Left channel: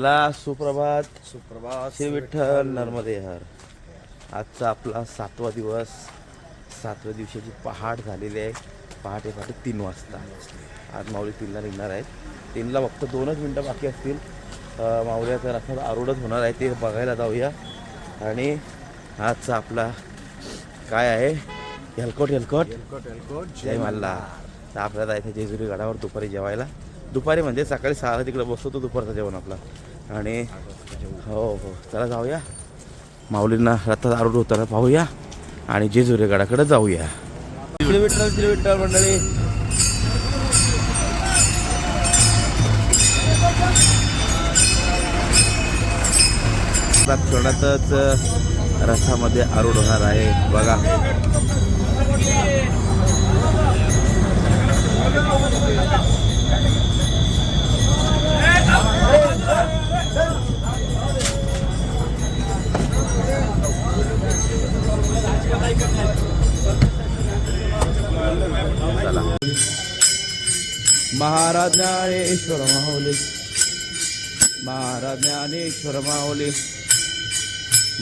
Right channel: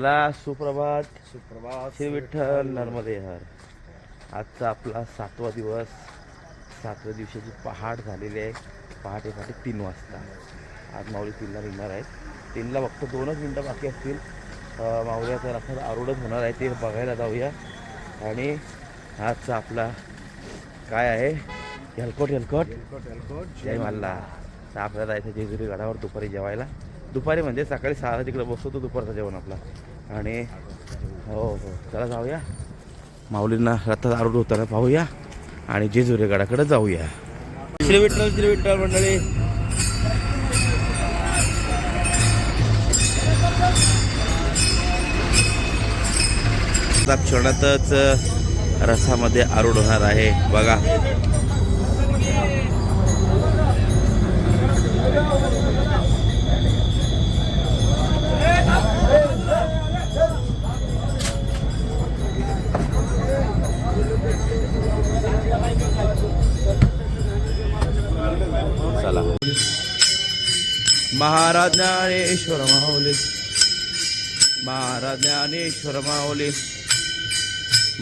चला सुप्रभात. सुप्रभात. श्री विठ्ठल नर्मदे हर. आजचा आपला 7वा दिवस. 7व्या दिवसाची पहाट झालेली आहे. पहाटे 3 वाजता आज माऊली 3ला निघणार आहेत. 3ला फक्त 2च मिनटं बाकी असतील. माऊलीचा रथात आरूढच होणार आहे, ते बघायला जाऊया. आणि आजचा आपला काय आहे, हेलकोट जय मल्ला. तर आपल्याला जायचं जेजुरी गडावर दुपारी जेवायला. दुपारी म्हणजे सकाळी 6ला तिकडे बसतो तो दुपारचा जेवण आपला. आणि हो हो चला जाऊया, माऊलींना रथात आरूढ होताना पाहूया आणि जेजुरी गडाकडे जाऊया. श्री विठ्ठल मंडळी. क्षणातच रथामध्ये आरूढ होणार आहे बघा. चला. महाराज ज्ञानेश्वर माऊली, महाराज ज्ञानेश्वर माऊली,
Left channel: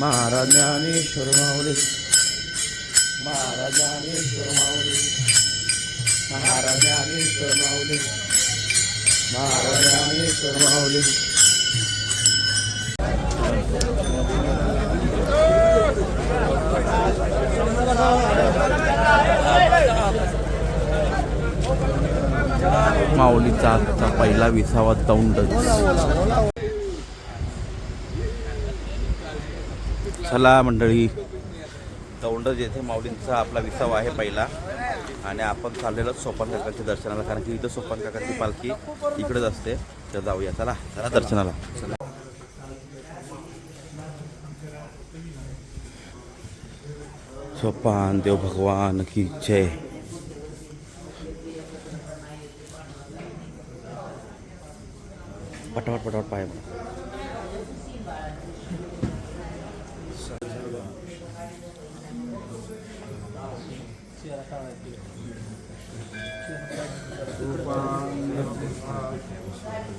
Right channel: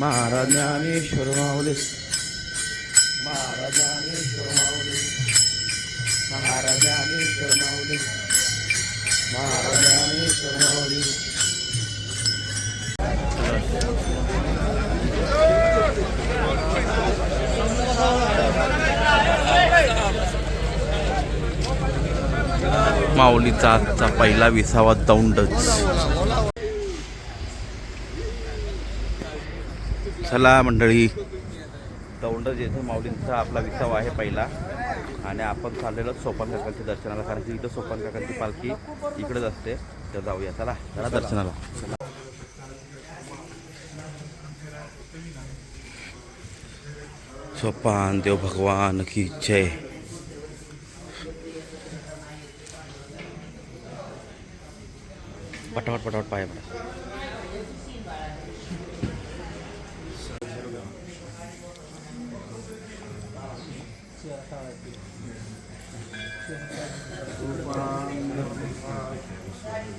महाराज ज्ञानेश्वर माऊली, महाराज ज्ञानेश्वर माऊली, महाराज ज्ञानेश्वर माऊली, महाराज ज्ञानेश्वर माऊली. माऊलीचा आजचा पहिला 20वा दौंडच. चला मंडळी, दौंड जेथे माऊलींचा आपला 20वा आहे पहिला. आणि आपण चाललेलो सोपान काकांच्या दर्शनाला, कारण की इथं सोपान काकांची पालखी इकडेच असते. तर जाऊया चला दर्शनाला. चला. सोपान देव भगवान की जय. पटापट पटापट पाय म्हणा.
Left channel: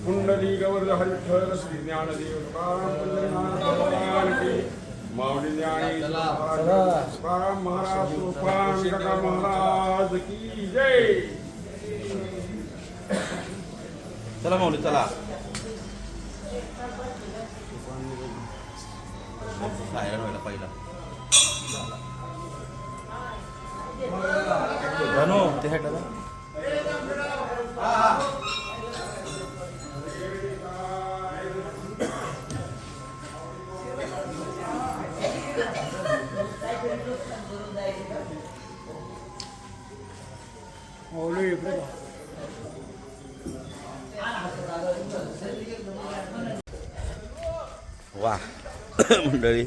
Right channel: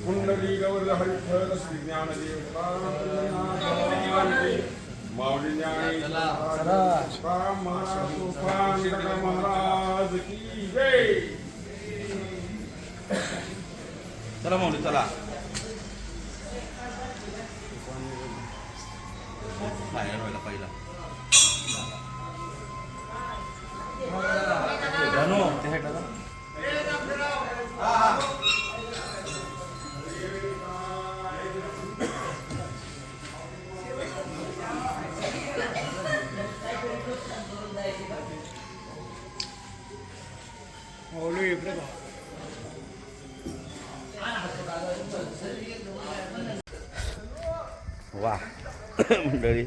कुंडली गौर हरिठल श्री ज्ञानदेव माऊली महाराज तुफान गदा महाराज की जय. चला माऊली चला. सायरन व्हायला पहिला ते हेटाला. वा मंडळी,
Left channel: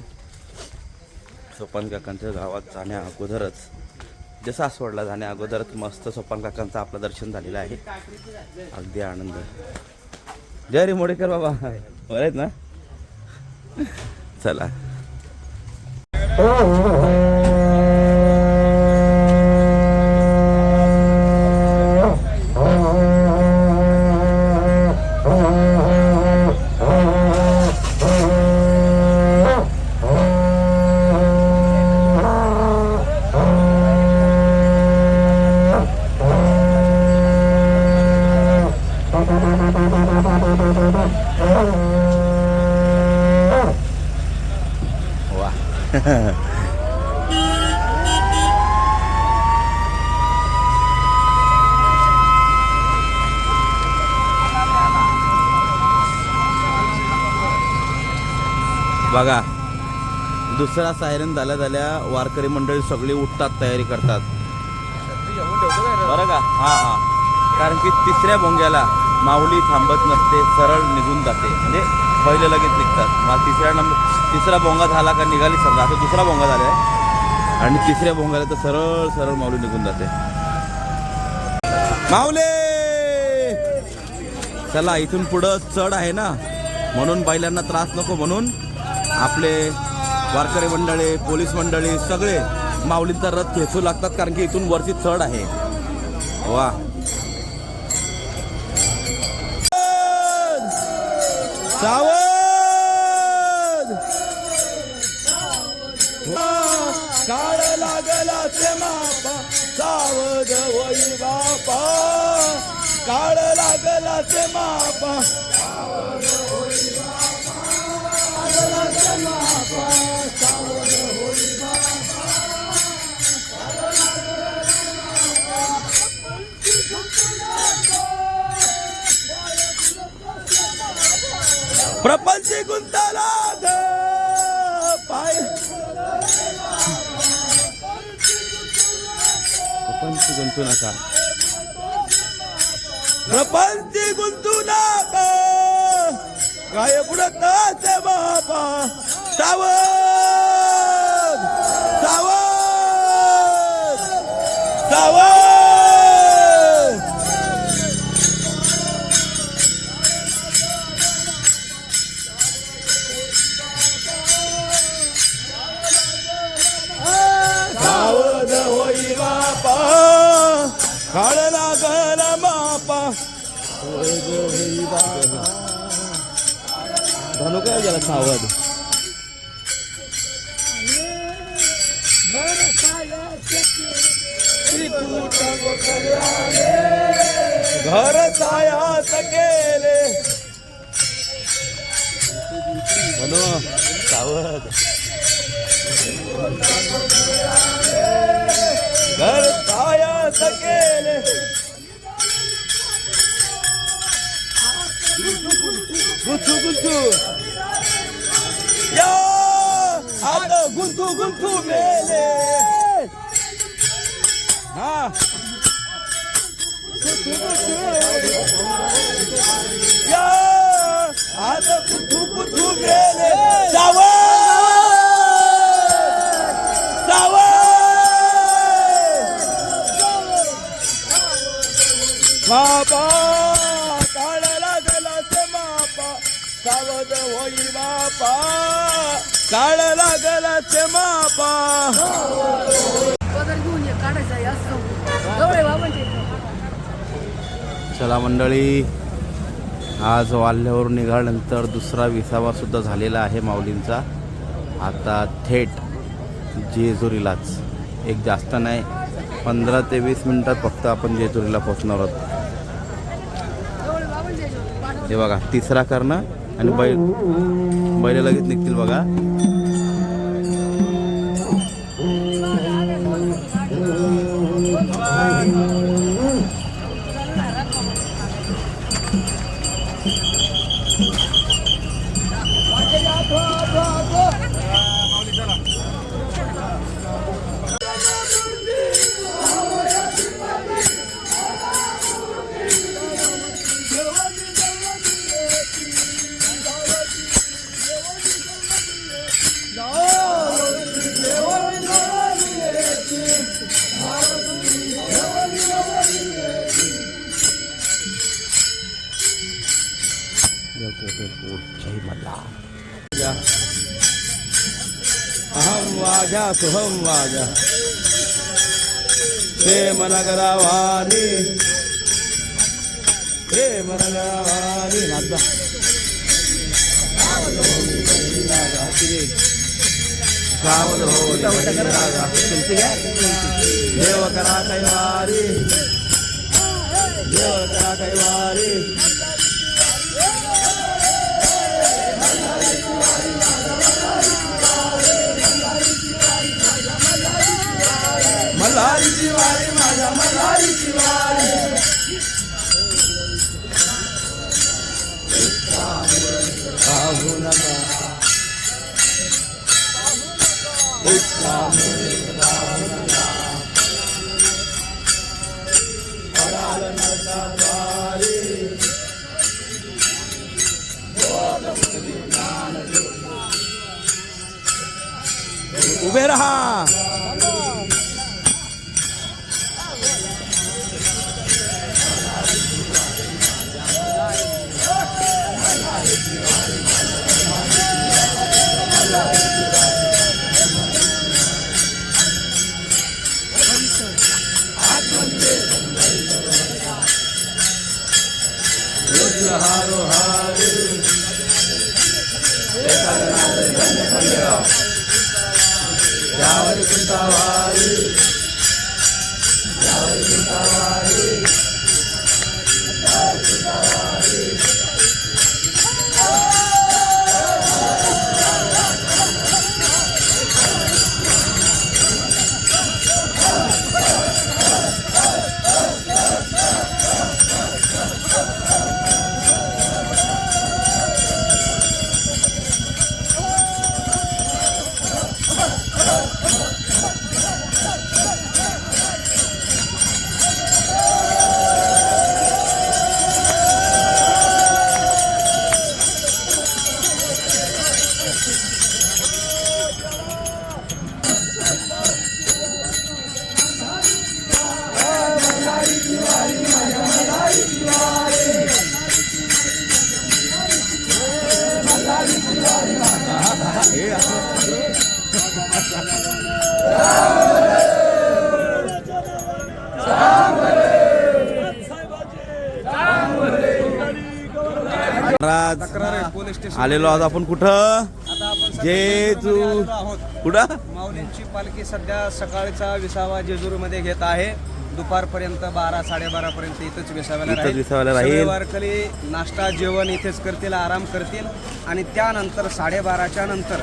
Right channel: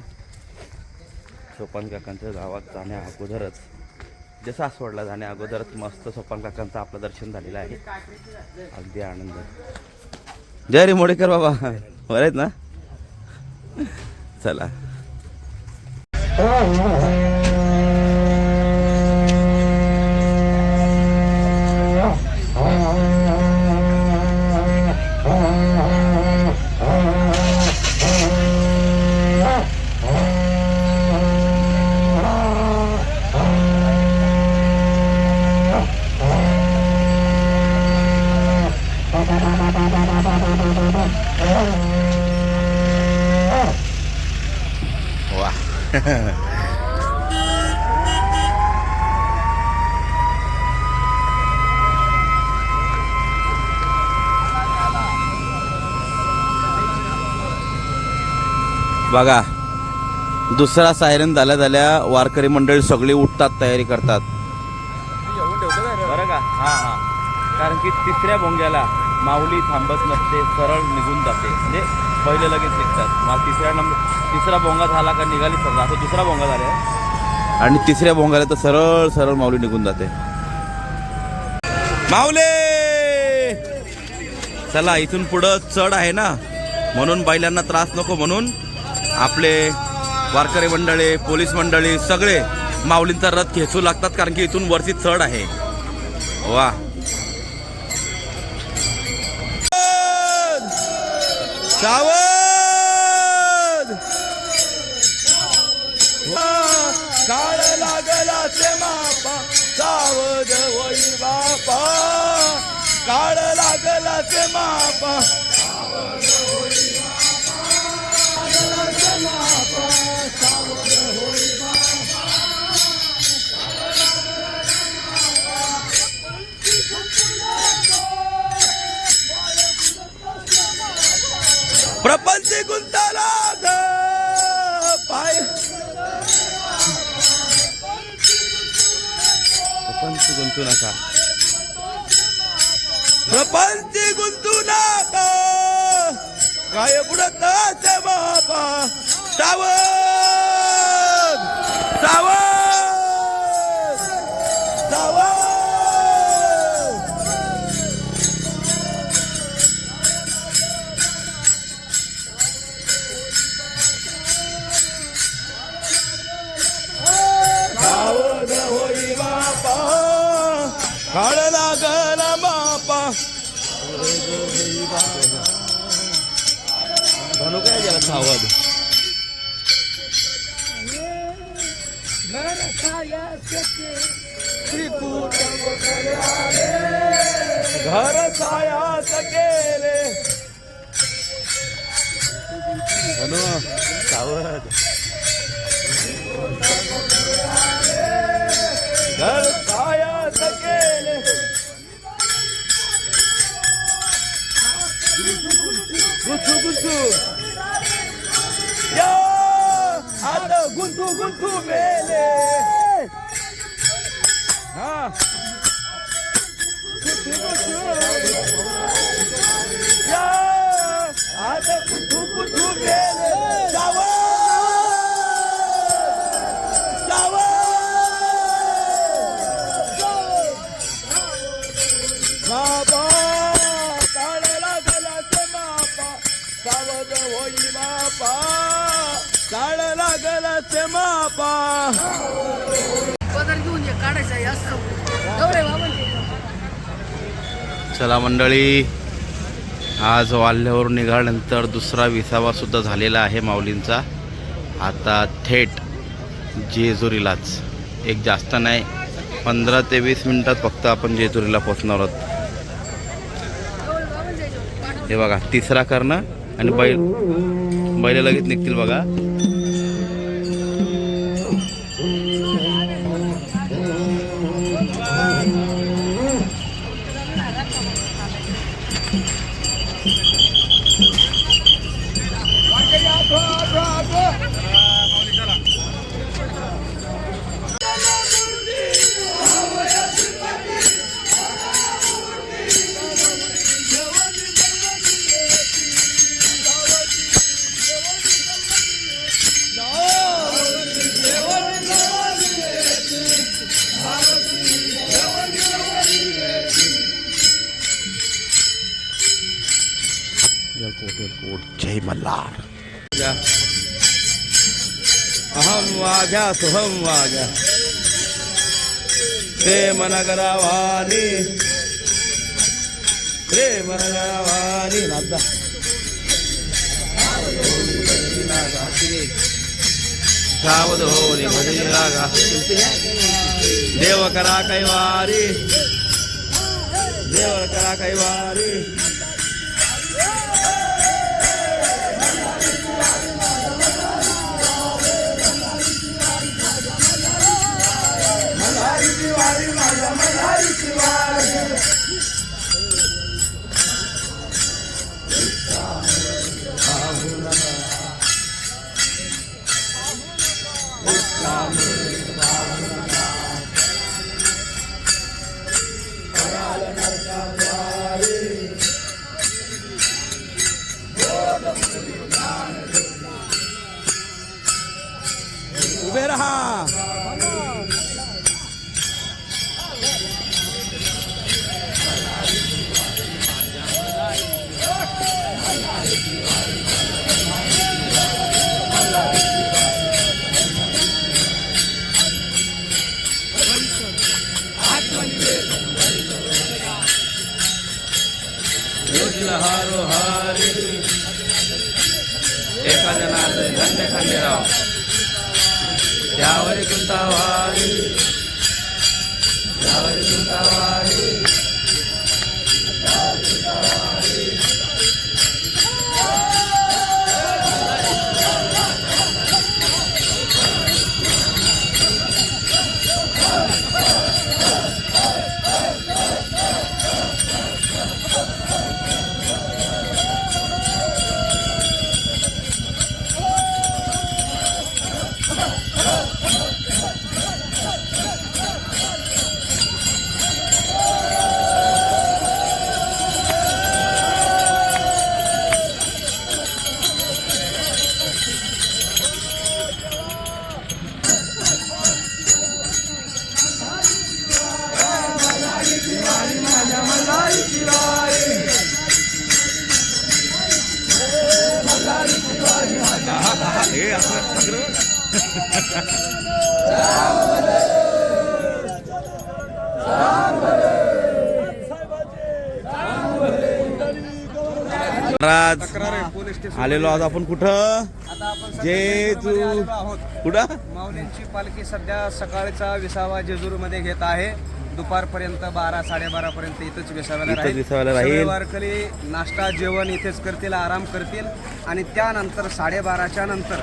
सोपान काकांच्या गावात जाण्या अगोदरच, जसं आसवडला जाण्या अगोदरच मस्त सोपान काकांचं आपलं दर्शन झालेलं आहे. अगदी आनंद. जय रे मोडेकर बाबा, बरं आहेत ना. चला. बघा, दुसरा सायरन झाल्या वारकरी मंडळी सगळी उठतात, तयारी करतात बरं का. हां हां, कारण की तिसऱ्या भोंग्याला माऊली थांबत नसते, सरळ निघून जाते. म्हणजे पहिले लगेच निघतात. मग तिसरा भोंगा झाला का निघाली समजा. आता दुसरा भोंगा झाला आहे आणि तिसऱ्या भोंगाला तर सरळ सरळ माऊली निघून जाते. माऊली चला, इथून पुढं चढ आहे ना, म्हणून बैलांना त्रास नको म्हणून आपले वारकरी मंडळी, पोलीस मंडळी सगळे माऊलींचा रथ खेचू लागतात, कारण की इथून वरती चढ आहे. वा सावध काळ लागला ते मापा सावध होई बापा काळ लागला ते मापा प्रपंच गुंताला पाय प्रपंच गुंतू नका प्रपंच गुंतू नका काय बुडत ते बापा सावध सावध सावध सावध होई बापा काळ लागला मापा धनु काय गेला सावध घर सायास केले धनु सावध घर सायास केले गुंतू गुंतू या आता गुंतू गुंतू मेले हा गुंतू गुंतू या आता गुंतू गुंतू मेले सावध बापा काळ लागला ते मापा सावध होई बापा काळ लागला ते मापा चला मंडळी आज वाल्ह्यावरून निघाल्यानंतर दुसरा विसावा सुद्धा झालेला आहे माऊलींचा आता थेट जेजुरीलाच एक जास्त नाही 15 ते 20 मिनिटात फक्त आपण जेजुरीला पोहोचणार आहोत हे बघा तिसरा करणं आणि बैल लगेच निघतील बघा जय मल्हार अहम वाघ्या सोहम वाघ्या प्रेम नगरावानी नादा सावध होली भजनी रागा देव करा कैवारी मल्हारीची वारी माझ्या मल्हारीची वारी पाहू नका पराल नरकाद्वारी उभे रहा हारो हारी धन्य खंडेराव त्यावर कुंतावारी त्यावर कुंतावारी महाराज आलेलो आज आपण कुठं जेजू कुठं माऊलींची पालखी सध्या सकाळचा विसावा जेजुरीमध्ये घेत आहे. दुपारपर्यंत 12-12:30 पर्यंत इथेच विसाव्याला राहील. वारकरी नाश्ता जेवण इथेच करतील, आराम करतील आणि त्यानंतर 12:30च्या नंतर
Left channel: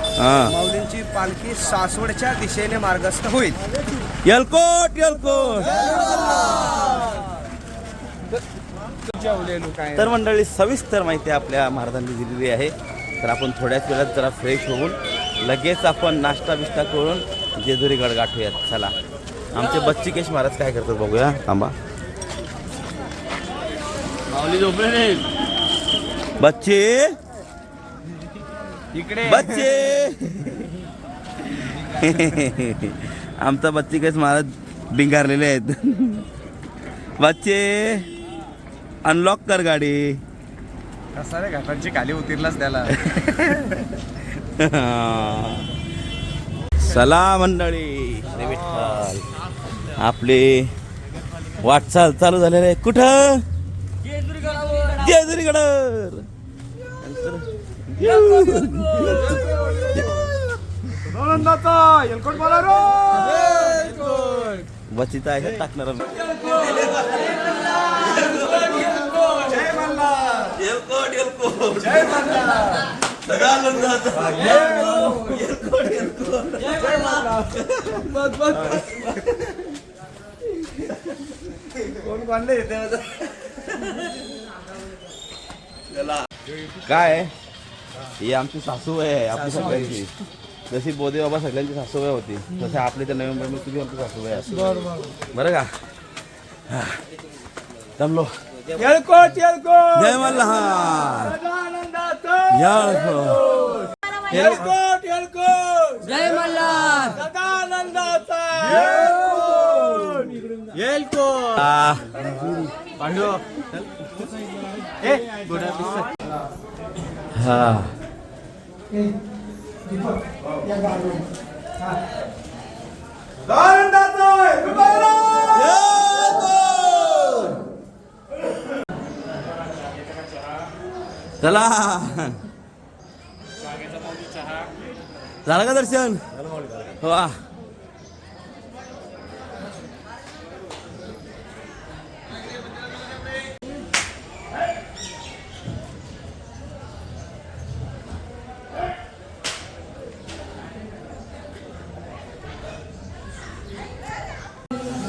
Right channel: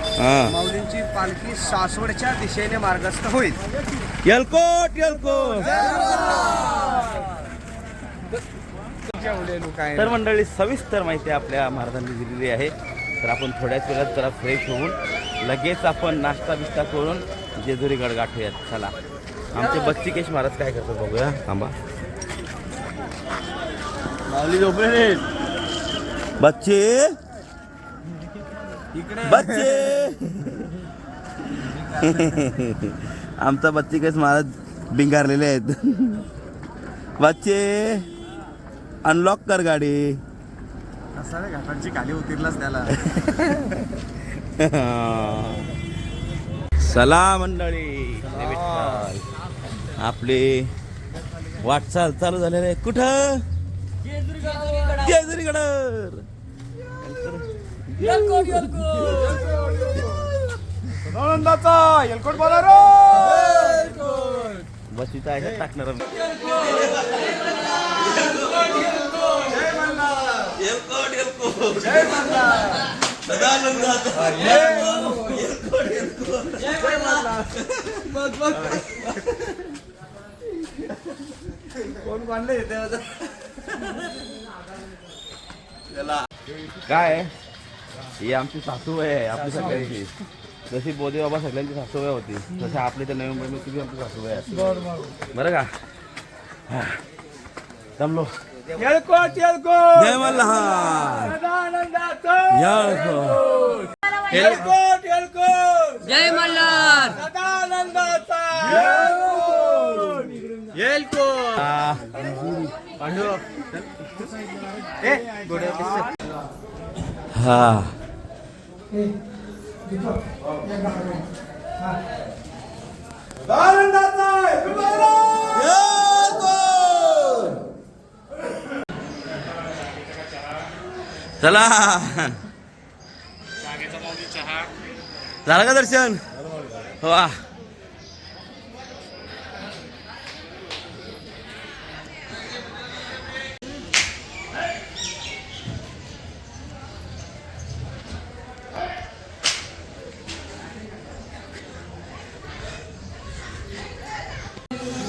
माऊलींची पालखी सासवडच्या दिशेने मार्गस्थ होईल. येलकोट येलकोट. तर मंडळी सविस्तर माहिती आपल्या महाराजांनी दिलेली आहे. तर आपण थोड्याच वेळात जरा फ्रेश होऊन लगेच आपण नाश्ता बिष्टा करून जेजुरी गड गाठूयात. चला आमचे बच्ची केश महाराज काय करतात बघूया. थांबा माऊली झोपले बच्चे इकडे बच्चे. आमचा बच्ची केश महाराज बिंगारलेले आहेत. बच्चे अनलॉक कर गाडी. असं नाही घाटांची खाली उतरलाच त्याला. चला मंडळी आपली वाटचाल चालू झालेली आहे. कुठं जेजुरी गडावर. बच्चीचा आहे टाकणार. कोण कोणले येते काय ही आमची सासू आहे आपली सगळ्यांची. जशी बोधे बाबा सगळ्यांची सासूबाई होती तसे आपली तर नवी मुंबई तुझी आमची सासूबाई असते. बरं का जमलो. जय मल्हार. जय मल्हार. हा चला झालं का दर्शन. वा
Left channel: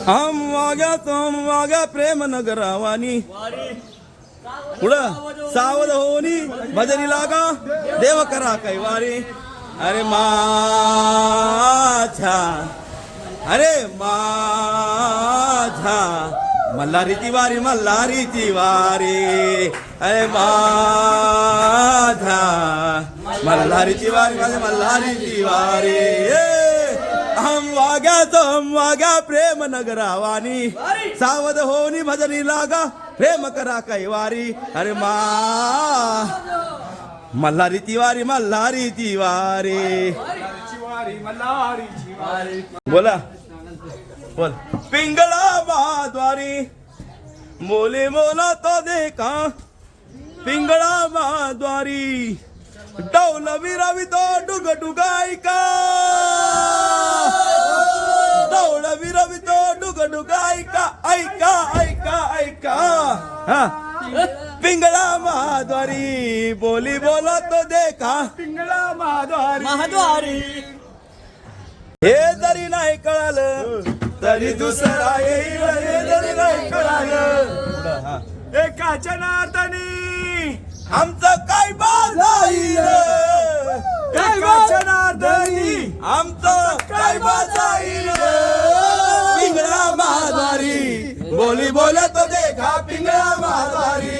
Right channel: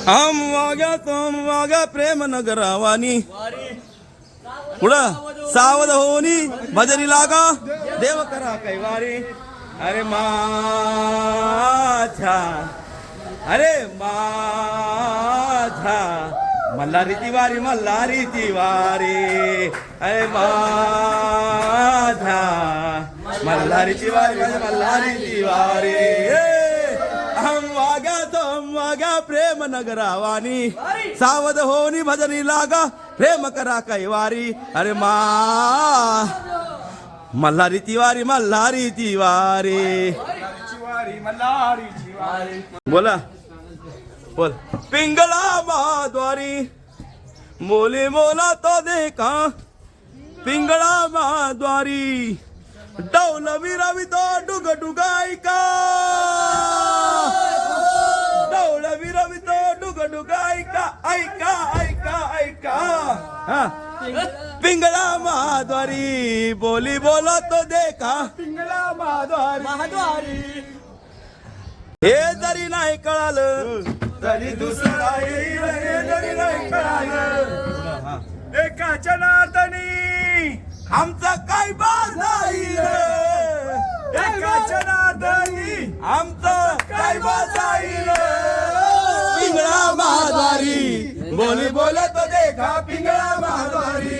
हम वाग्या तुम वाग्या प्रेम नगरावानी पुढं सावध होनी भजनी लागा देव करा कैवारी. अरे माझ्या अरे माझ्या मल्हारीची वारी मल्हारीची वारी. अरे माझ्या मल्हारीची वारी माझ्या मल्हारीची वारी. हम वाग्या प्रेम नगरावानी सावध होनी भजनी लागा प्रेम करा कैवारी. अरे मल्हारीची वारी मल्हारीची वारी. बोला बोल. पिंगला महाद्वारी मोले मोला तो देखा पिंगळा महाद्वारी डौल विरवितो डुग डुग ऐका डौल विरवितो डुग डुग ऐका ऐका ऐका ऐका हा. पिंगळा महाद्वारी बोली बोलतो देखा पिंगळा महाद्वारी हे जरी नाही कळालं तरी दुसरा येईल हे जरी नाही कळालं एकाच्या नादानी आमचं काय बाजाईल एकाच्या नादानी आमचं काय बाजाईल पिंगळा महाद्वारी बोली बोलतो देखा पिंगळा महाद्वारी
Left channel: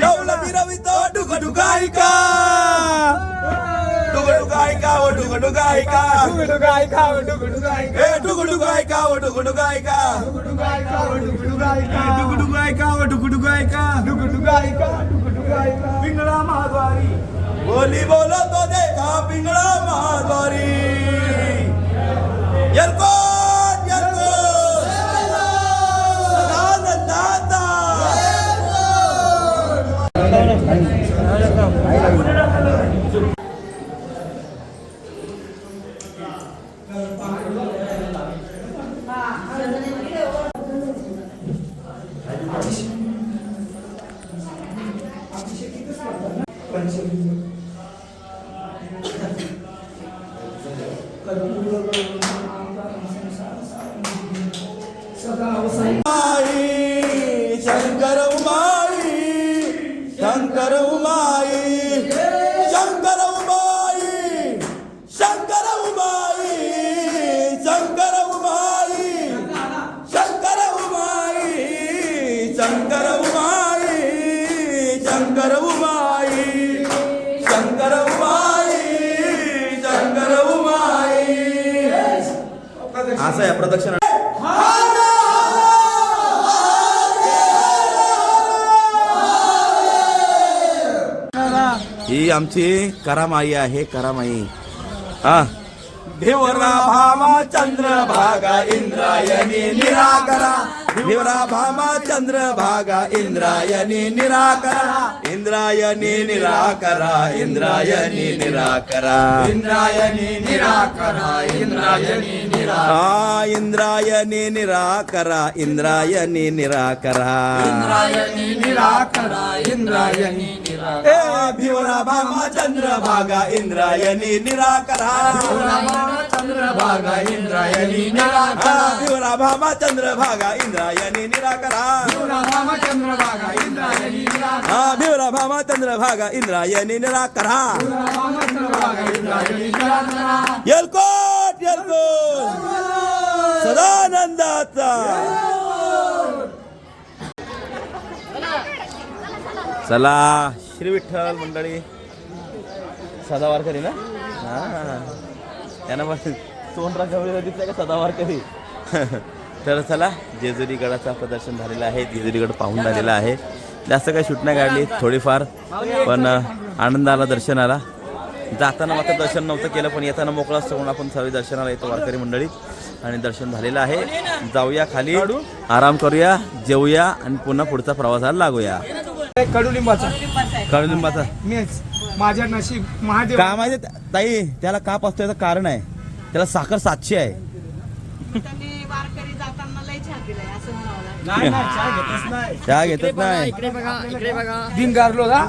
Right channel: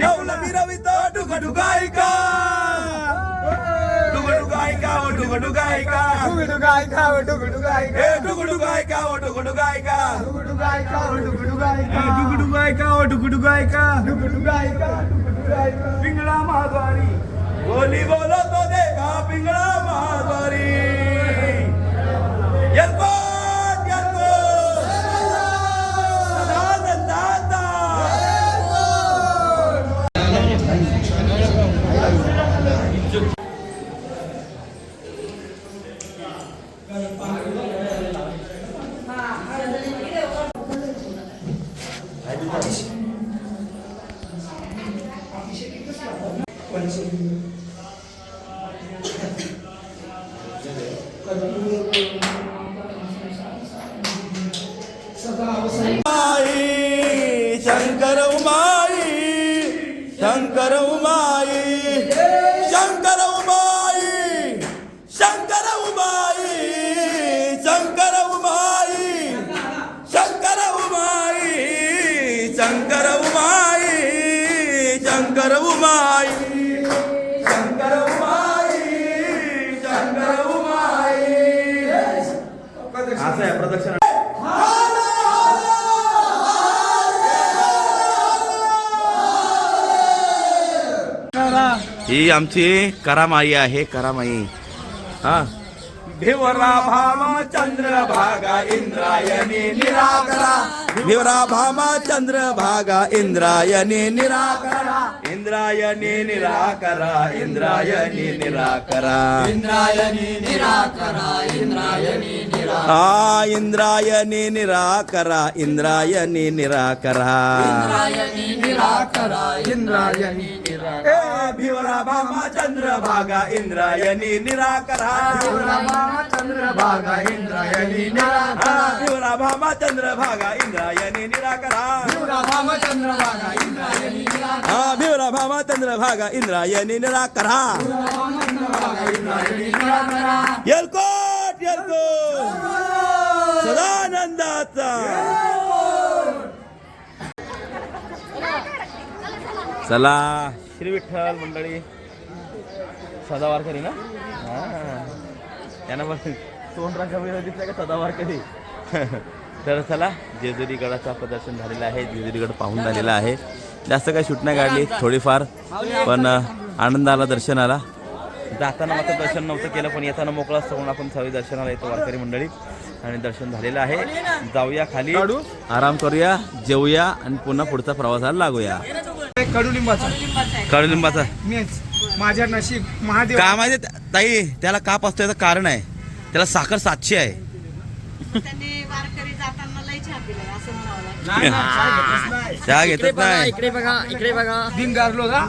डौल विरवितो डुग डुग ऐका डुग डुग ऐका ओ डुग डुग ऐका डुग डुग ऐका ओ डुग डुग ऐका ए डुग डुग ऐका ओ डुग डुग ऐका डुग डुग ऐका ओ डुग डुग ऐका डुग डुग ऐका ओ डुग डुग ऐका डुग डुग ऐका डुग डुग ऐका पिंगळा महाद्वारी बोली बोलतो देखा पिंगळा महाद्वारी येल्को येल्को सदानंदाता शंकर उमाई शंकर उमाई शंकर उमाई शंकर उमाई शंकर उमाई शंकर उमाई शंकर उमाई शंकर उमाई शंकर उमाई शंकर उमाई असं आहे प्रदक्षिणा ही आमची करामाई आहे करामाई हा भिवरा भामा चंद्र भागा इंद्रायणी निराकरा भिवरा भामा चंद्र भागा इंद्रायणी निराकरा इंद्रायणी निराकरा इंद्रायणी निराकरा इंद्रायणी निराकरा इंद्रायणी निराकरा इंद्रायणी निराकरा इंद्रायणी निराकरा इंद्रायणी निराकरा इंद्रायणी निराकरा भिवरा भामा चंद्र भागा इंद्रायणी निराकरा चंद्र भागा इंद्रायणी निराकरा भिवरा भामा चंद्र भागा इंद्रायणी निराकरा भिवरा भामा चंद्र भागा इंद्रायणी निराकरा भिवरा भामा चंद्र भागा इंद्रायणी निराकरा येलकोट येलकोट सदानंदाचा चला श्री विठ्ठल मंडळी सदावारकरी ना हा त्यांना पण तोंडरा कमी दिसला का सदावारकरी तर चला जेजुरी गडाचा प्रदर्शन झालेलं आहे जेजुरी गड पाहून झालेला आहे जास्त काही शूट नाही काढली थोडीफार पण आनंद आला दर्शनाला जाताना मात्र दर्शन नव्हतं केलं पण येताना मोकळा असतो आपण सगळे दर्शनाला येतो वारकरी मंडळी आणि दर्शन झालेलं आहे जाऊया खाली आराम करूया जेवूया आणि पुन्हा पुढचा प्रवासाला लागूया कडुलिंबाचा माझ्या नशीब महादेव का माहिती ताई त्याला काप असतो याचं कारण आहे त्याला साखर 700 आहे चहा घेतच नाही इकडे बघा इकडे बघा दिन गारलो का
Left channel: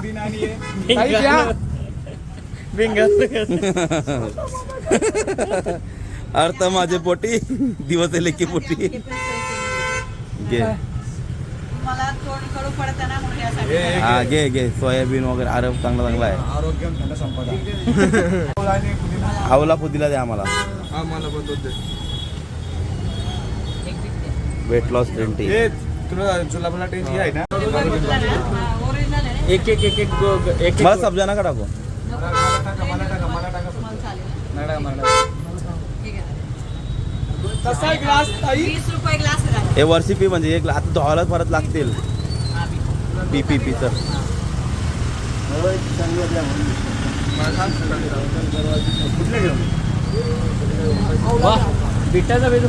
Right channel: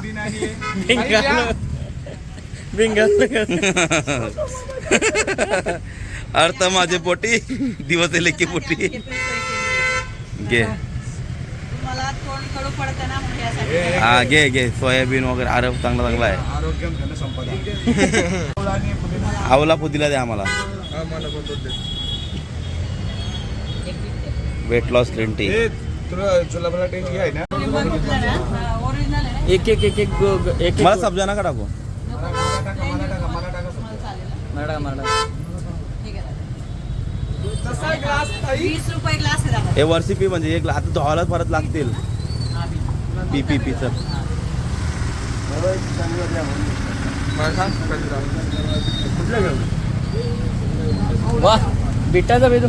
अर्थ माझे पोटी दिवस लेखी पोटी घे मला तोंड कडू पडतं ना म्हणून यासाठी हा घे घे सोयाबीन वगैरे आरोग्य चांगला चांगला आहे आरोग्य धन संपदा आवला पुदिला द्या आम्हाला वेट लॉस ग्रीन टी तुला जुलाबला टेस्ट आहे ना ओरिजिनल आहे ना एक एक एक एक एक मला सब्जा नका टाकू ठीक आहे कसा ग्लास ताई 20 रुपये ग्लास आहे हे वर्षी पी म्हणजे एक आता धुवायला परत लागतील पी पी पी सर वाह बिट्टाचा वेलू